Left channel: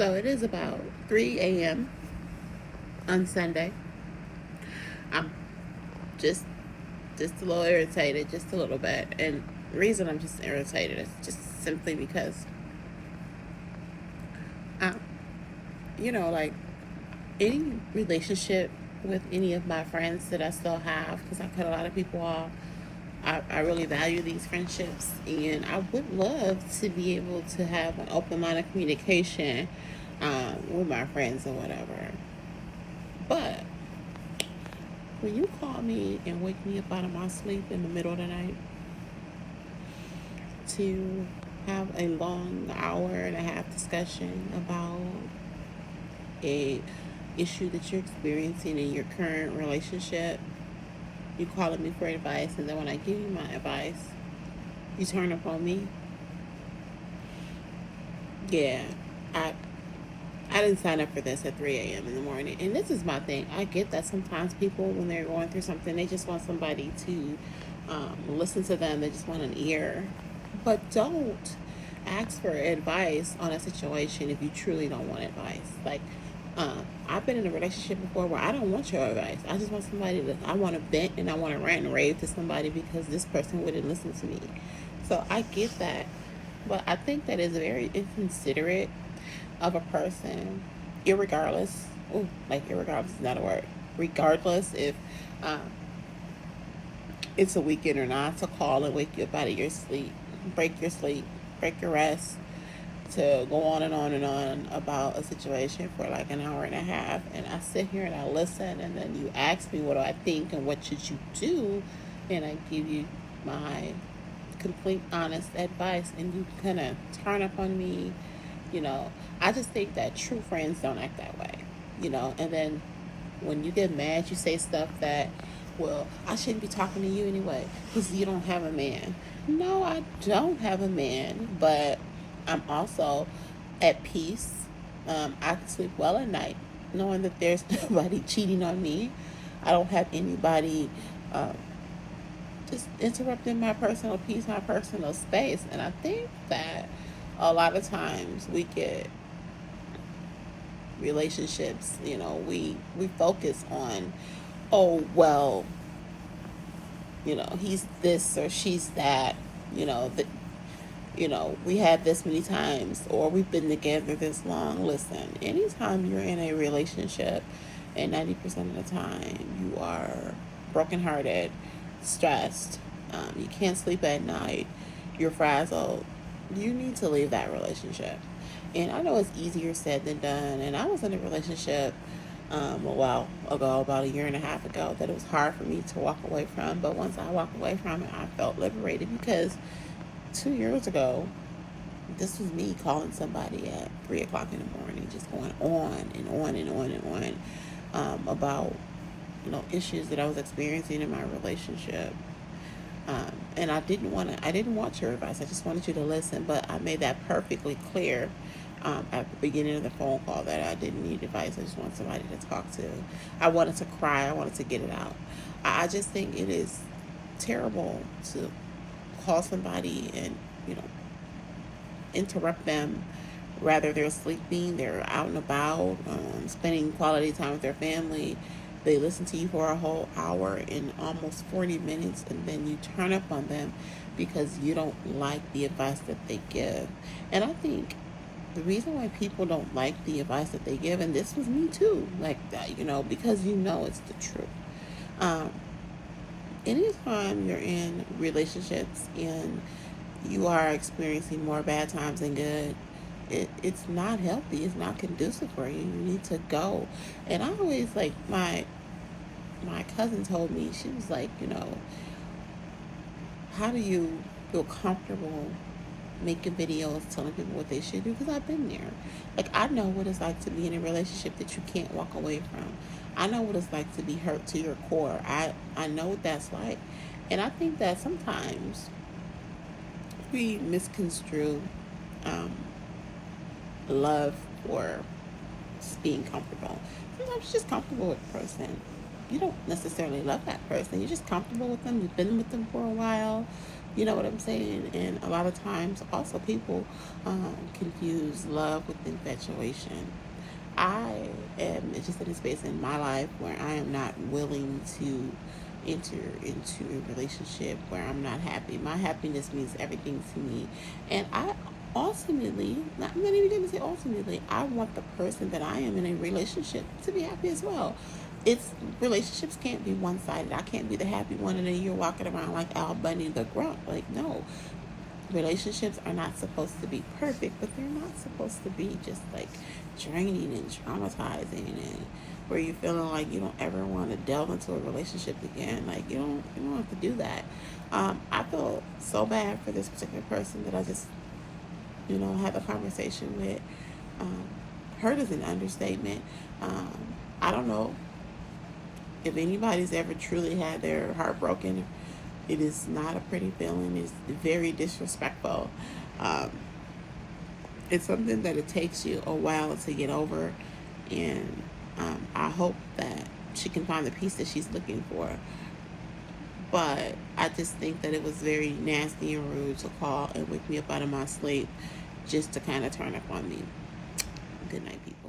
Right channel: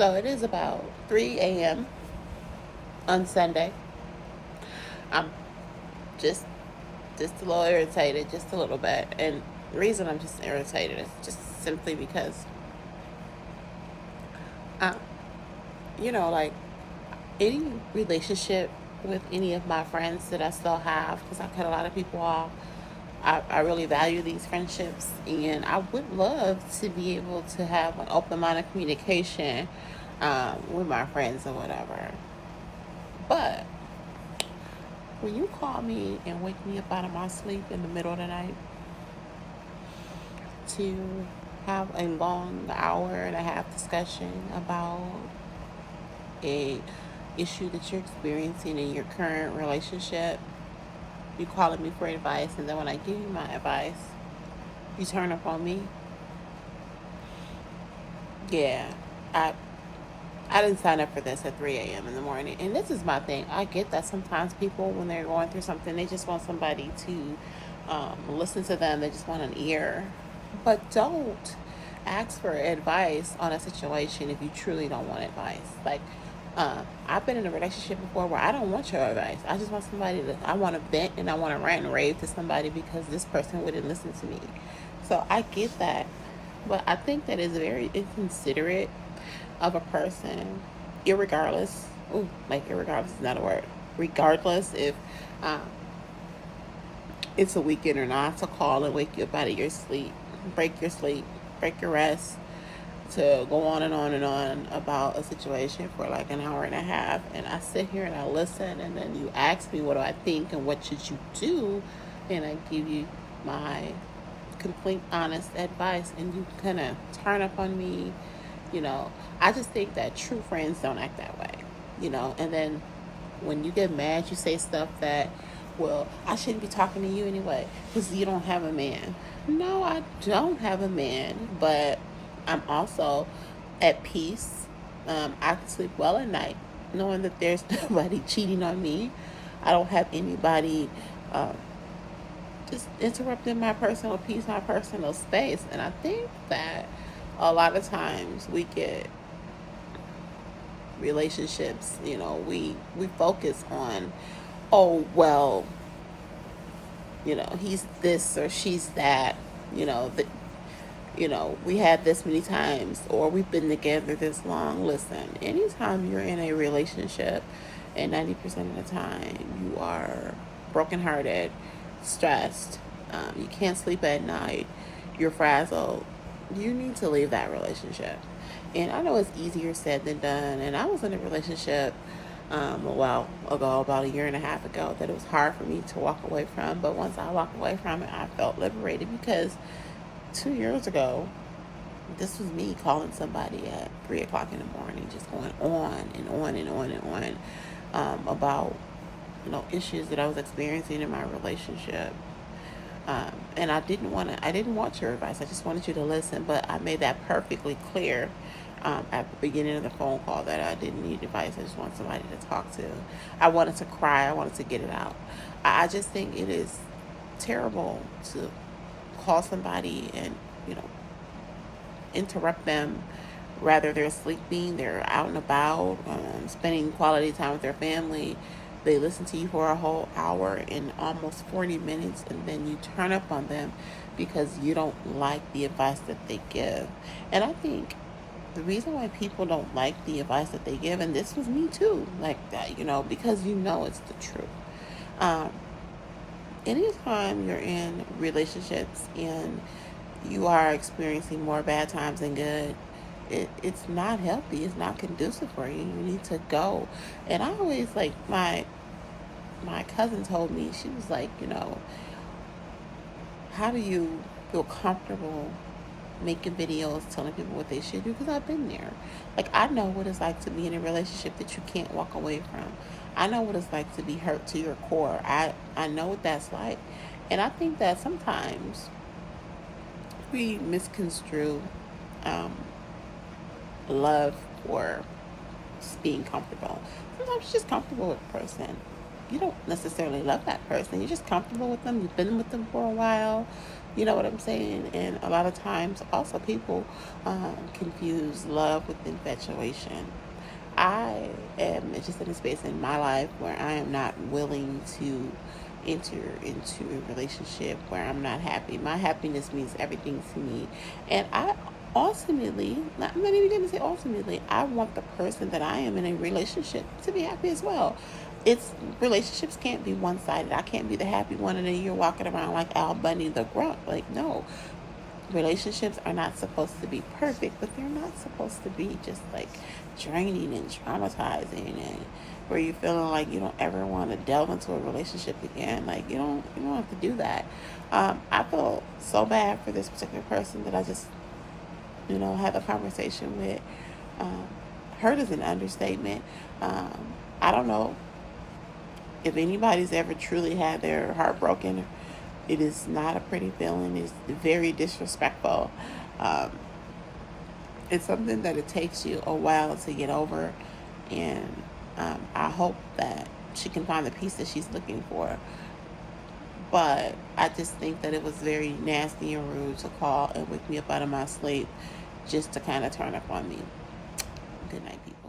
So it is about 3 a.m. on Sunday. I'm just just a little irritated, just a little bit. And the reason I'm just irritated is just simply because, um, like any relationship with any of my friends that I still have, because I cut a lot of people off. I really value these friendships, and I would love to be able to have an open line of communication with my friends or whatever. But when you call me and wake me up out of my sleep in the middle of the night to have a long hour and a half discussion about a issue that you're experiencing in your current relationship, you calling me for advice, and then when I give you my advice, you turn up on me. Yeah, I I didn't sign up for this at 3 a.m. in the morning. And this is my thing. I get that sometimes people, when they're going through something, they just want somebody to listen to them. They just want an ear. But don't ask for advice on a situation if you truly don't want advice. Like, I've been in a relationship before where I don't want your advice. I just want somebody that I want to vent and I want to rant and rave to somebody because this person wouldn't listen to me. So I get that. But I think that is very inconsiderate of a person, irregardless. Ooh, like irregardless is not a word. Regardless if um, it's a weekend or not, to call and wake you up out of your sleep, break your rest, to go on and on and on about a situation for like an hour and a half. And I sit here and I listen, and then you ask me what do I think and what should you do, and I give you my complete honest advice, and you kind of turn up on me. I just think that true friends don't act that way. And then when you get mad, you say stuff that, well, I shouldn't be talking to you anyway because you don't have a man. No, I don't have a man, but I'm also at peace. I can sleep well at night knowing that there's nobody cheating on me. I don't have anybody um, just interrupting my personal peace, my personal space. And I think that a lot of times we get relationships, we focus on, oh well, he's this or she's that, that we had this many times or we've been together this long. Listen, anytime you're in a relationship and 90% of the time you are brokenhearted, stressed, you can't sleep at night, you're frazzled, you need to leave that relationship. And I know it's easier said than done. And I was in a relationship a while ago, about a year and a half ago, that it was hard for me to walk away from. But once I walked away from it, I felt liberated because 2 years ago, this was me calling somebody at 3 o'clock in the morning, just going on and on and on and on about issues that I was experiencing in my relationship. And I didn't want your advice. I just wanted you to listen. But I made that perfectly clear at the beginning of the phone call that I didn't need advice. I just wanted somebody to talk to. I wanted to cry. I wanted to get it out. I just think it is terrible to call somebody and interrupt them. Rather, they're sleeping, they're out and about, spending quality time with their family. They listen to you for a whole hour and almost 40 minutes, and then you turn up on them because you don't like the advice that they give. And I think the reason why people don't like the advice that they give, and this was me too, like that, because it's the truth. Um, Anytime you're in relationships and you are experiencing more bad times than good, it's not healthy. It's not conducive for you. You need to go. And I always, like, my cousin told me, she was like, how do you feel comfortable making videos telling people what they should do? Because I've been there. Like, I know what it's like to be in a relationship that you can't walk away from. I know what it's like to be hurt to your core. I know what that's like. And I think that sometimes we misconstrue um, love for just being comfortable. Sometimes you're just comfortable with a person. You don't necessarily love that person. You're just comfortable with them. You've been with them for a while. You know what I'm saying? And a lot of times, also, people confuse love with infatuation. I am just in a space in my life where I am not willing to enter into a relationship where I'm not happy. My happiness means everything to me. And I ultimately, I'm not even going to say ultimately, I want the person that I am in a relationship to be happy as well. It's relationships can't be one sided. I can't be the happy one and then you're walking around like Al Bundy the grunt. Like, no, relationships are not supposed to be perfect, but they're not supposed to be just like draining and traumatizing and where you're feeling like you don't ever want to delve into a relationship again. Like you don't have to do that. I feel so bad for this particular person that I just had a conversation with. Um, Hurt is an understatement. I don't know if anybody's ever truly had their heart broken. It is not a pretty feeling. It's very disrespectful. Um, it's something that it takes you a while to get over, and I hope that she can find the peace that she's looking for. But I just think that it was very nasty and rude to call and wake me up out of my sleep just to kind of turn up on me. Good night, people.